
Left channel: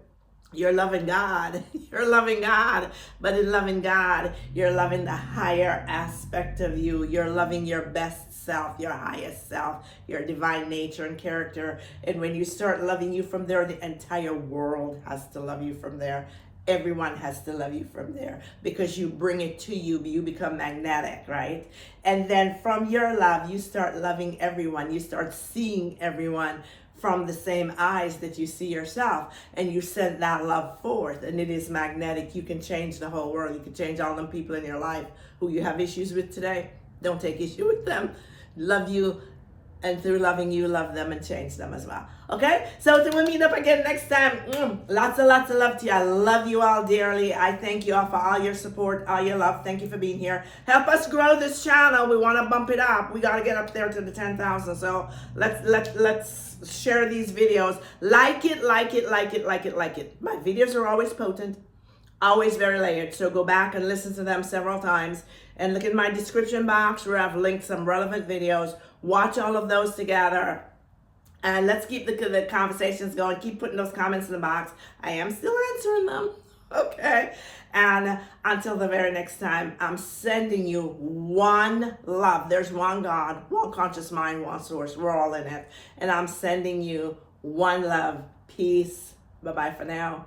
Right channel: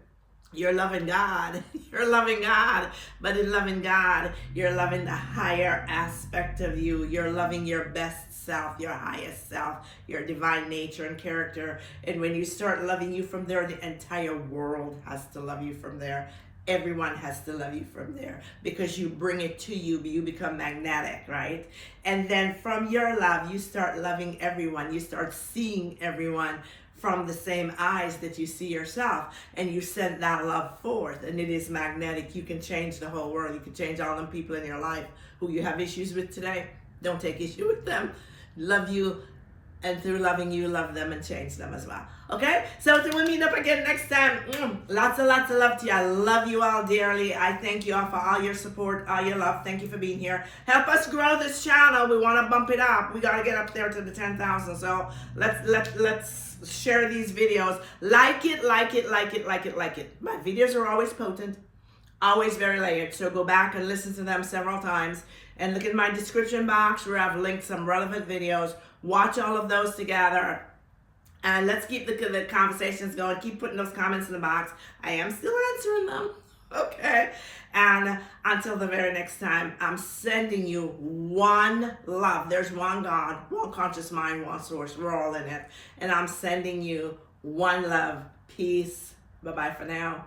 you're loving God. You're loving God. But in loving God, you're loving the higher aspect of you. You're loving your best self, your highest self, your divine nature and character. And when you start loving you from there, the entire world has to love you from there. Everyone has to love you from there, because you bring it to you. You become magnetic, right? And then from your love, you start loving everyone. You start seeing everyone from the same eyes that you see yourself, and you send that love forth, and it is magnetic. You can change the whole world. You can change all them people in your life who you have issues with today. Don't take issue with them. Love you And through loving you, love them and change them as well. Okay? So till we meet up again next time, lots and lots of love to you. I love you all dearly. I thank you all for all your support, all your love. Thank you for being here. Help us grow this channel. We want to bump it up. We got to get up there to the 10,000. So let's share these videos. Like it. My videos are always potent, always very layered. So go back and listen to them several times. And look in my description box where I've linked some relevant videos. Watch all of those together. And let's keep the conversations going. Keep putting those comments in the box. I am still answering them. Okay. And until the very next time, I'm sending you one love. There's one God, one conscious mind, one source. We're all in it. And I'm sending you one love. Peace. Bye-bye for now.